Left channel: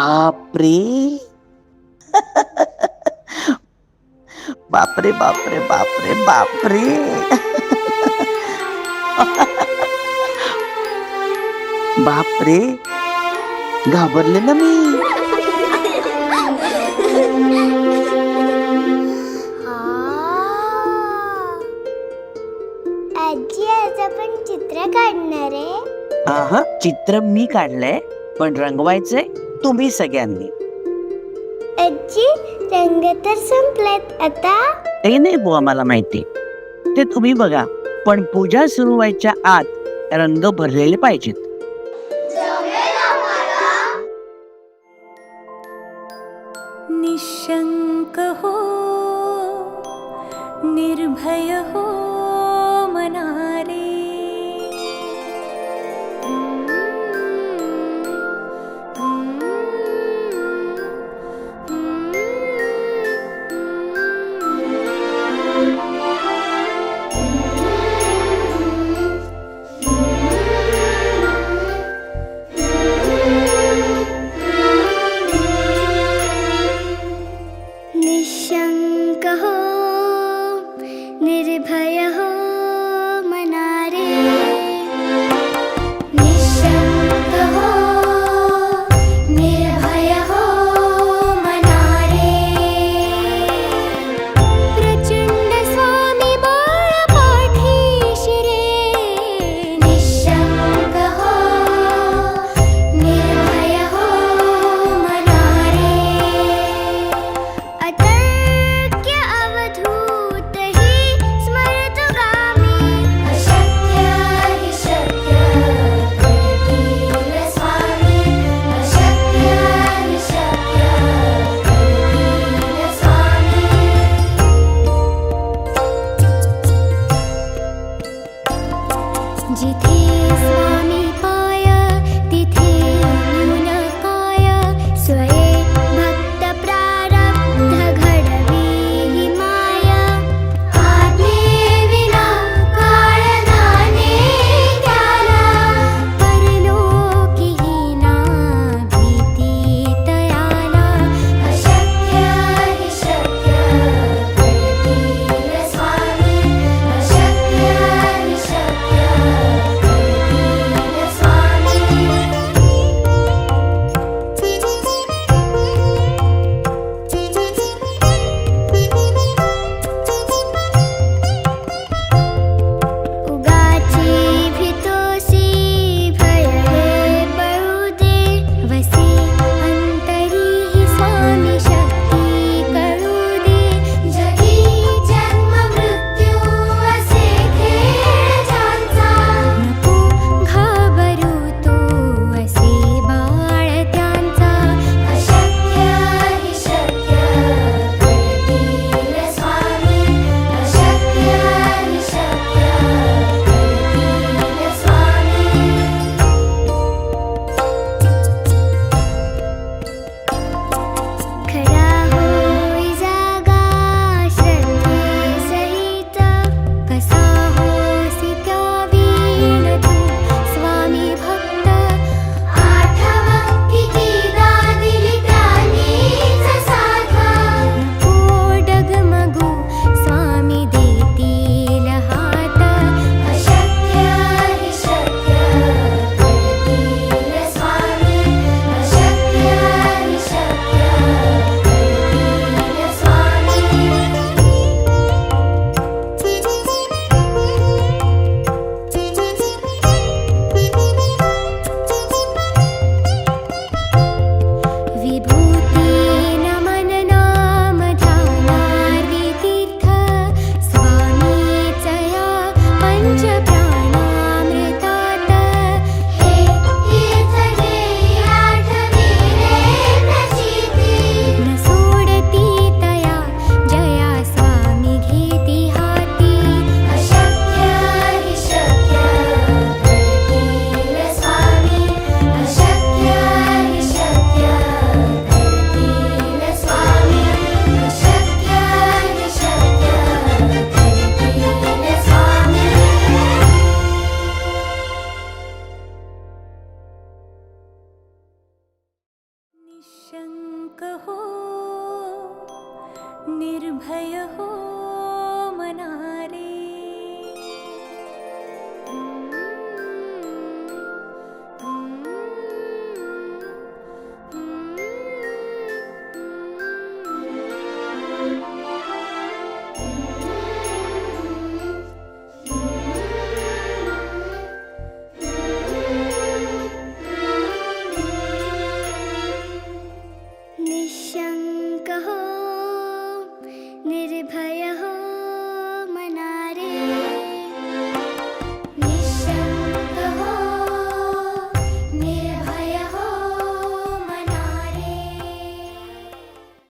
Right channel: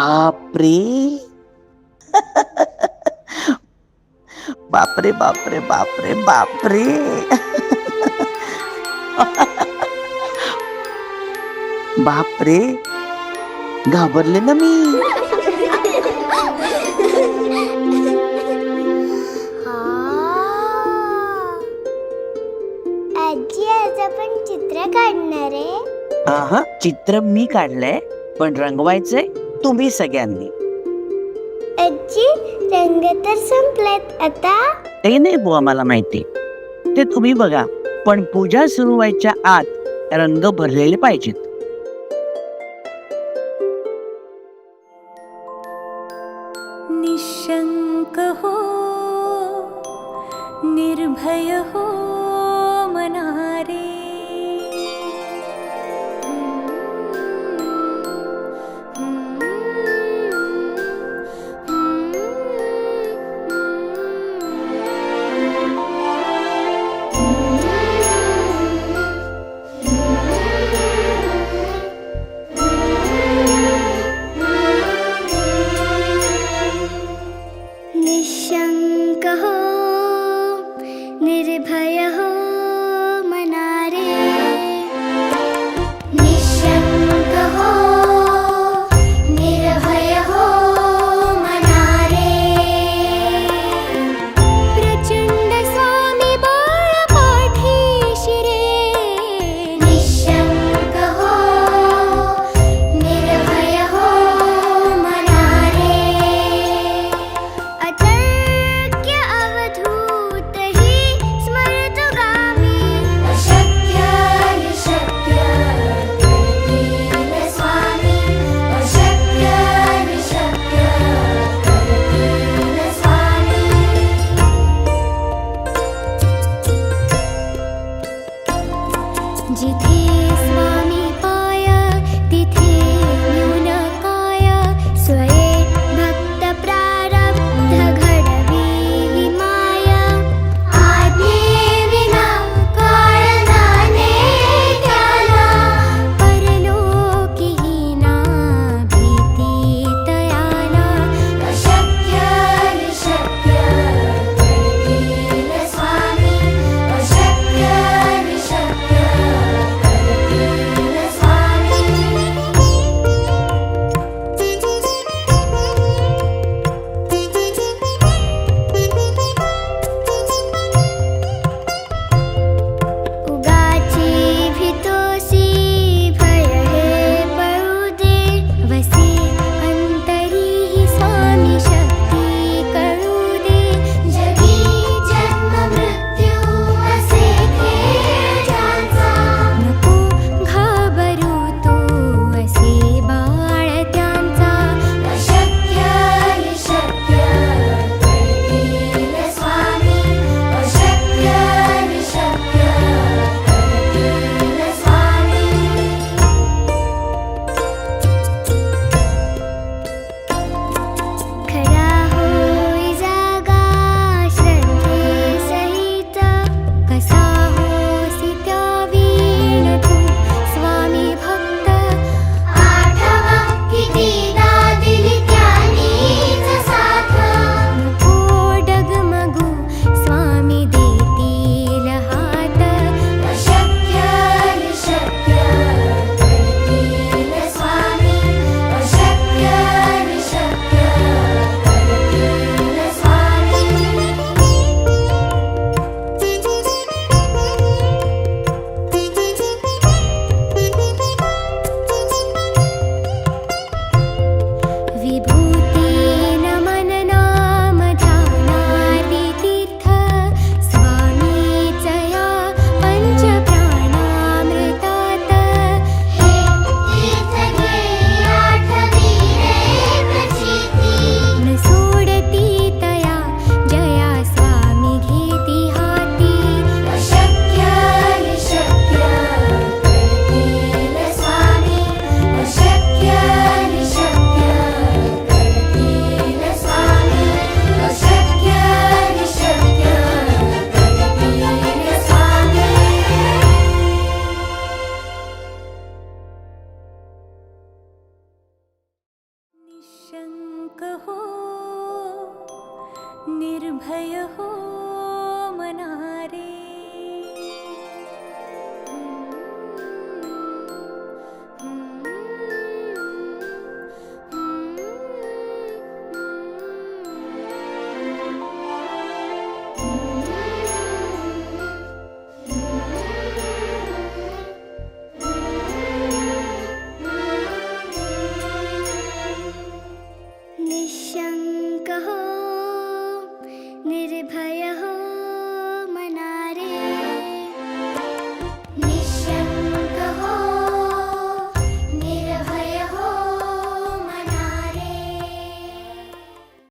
बापरे बापरे बापरे बापरे बापरे बापरे घाबरले ना मी. आजी आज आपण चित्र काढणार आहे. हा चित्र मी काढलंय पण रंगवायचंय तुम्ही सगळ्यांनी. आजी रंग तर संपलेत आता. ते नाही बुवा मला माहिती, ते तुम्ही बघा, पण पूजा सुरू व्हायच्या आत रंग भरलेले पाहिजेत. निशंक हो निर्भय हो मनारे. निशंक हो निर्भय हो मनारे. निशंक हो निर्भय हो मनारे. प्रचंड स्वामी बळ पाठीशी रे. निशंक हो निर्भय हो मनारे. अतर्क्य अवधूत हि स्मरतुगामी. अशक्य निशक्य करतील स्वामी. अशक्य निशक्य करतील स्वामी. जिथे स्वामी पाय तिथे न्यून काय. स्वये भक्त प्रारब्ध घडवी हि माया. आज्ञे विना काळनाने त्याला. परलोकी हीना भीती तयाला. अशक्य निशक्य करतील स्वामी. अशक्य निशक्य करतील निर्भय हो